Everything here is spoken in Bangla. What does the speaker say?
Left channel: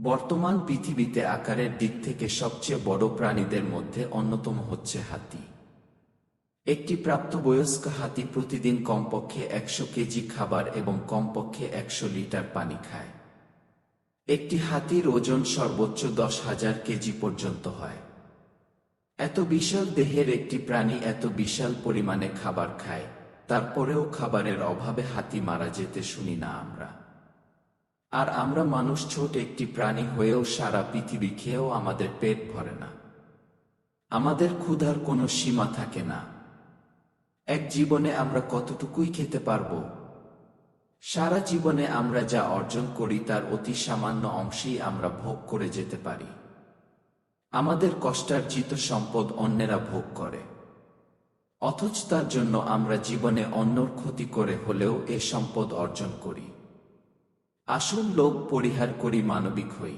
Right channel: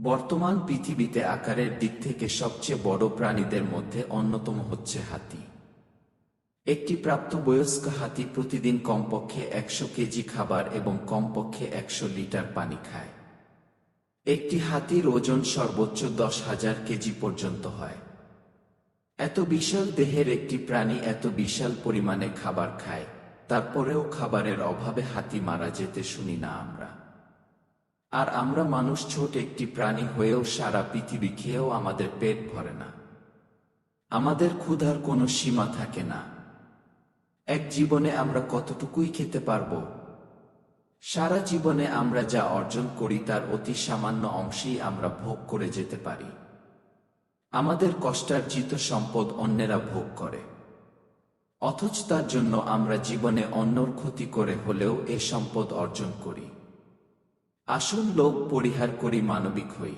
বর্তমান পৃথিবীতে আকারের দিক থেকে সবচেয়ে বড় প্রাণীদের মধ্যে অন্যতম হচ্ছে হাতি। একটি প্রাপ্তবয়স্ক হাতি প্রতিদিন কমপক্ষে 100 কেজি খাবার এবং কমপক্ষে 100 লিটার পানি খায়। একটি হাতির ওজন সর্বোচ্চ 10,000 কেজি পর্যন্ত হয়। এত বিশাল দেহের একটি প্রাণী এত বিশাল পরিমাণে খাবার খায়, তারপরেও খাবারের অভাবে হাতি মারা যেতে শুনি না আমরা। আর আমরা মানুষ ছোট একটি প্রাণী হয়েও সারা পৃথিবী খেয়েও আমাদের পেট ভরে না। আমাদের ক্ষুধার কোনো সীমা থাকে না। এক জীবনে আমরা কতটুকুই খেতে পারবো? সারা জীবনে আমরা যা অর্জন করি তার অতি সামান্য অংশেই আমরা ভোগ করে যেতে পারি। আমাদের কষ্টার্জিত সম্পদ অন্যেরা ভোগ করে, অথচ তার জন্য আমরা জীবনে অন্যর ক্ষতি করে হলেও এ সম্পদ অর্জন করি। আসুন লোভ পরিহার করি, মানবিক হই।